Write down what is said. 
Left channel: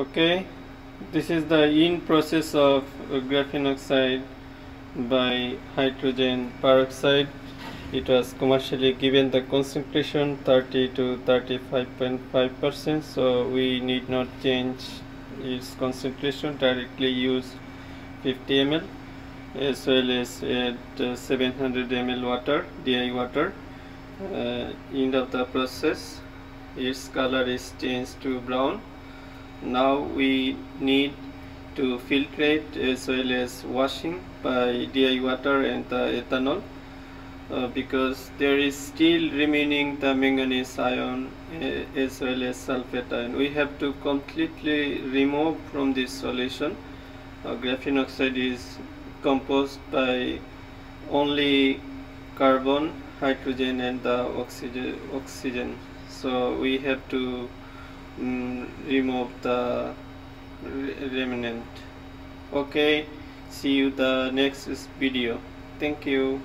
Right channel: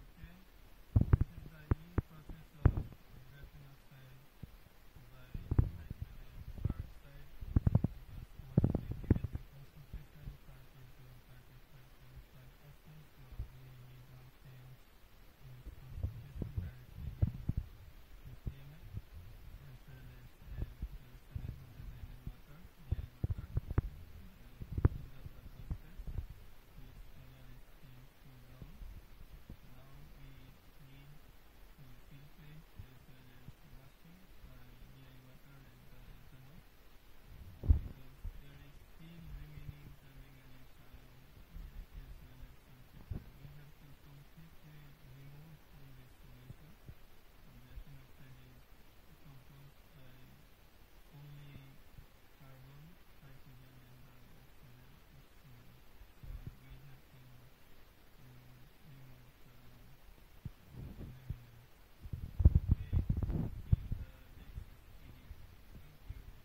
Okay, this is the in process of graphene oxide by hydrogen peroxide. It was commercially given the concentration 30 to 35.5%, so we need not change its concentration, directly use 50 ml as well as at 700 ml water, DI water. End of the process, its color is changed to brown. Now we need to filtrate as well as washing by DI water and the ethanol, because there is still remaining the manganese ion as well as sulfate ion. We have to completely remove from this solution. Graphene oxide is composed by only carbon, hydrogen and the oxygen. So we have to remove the remnant. Okay, see you the next video. Thank you.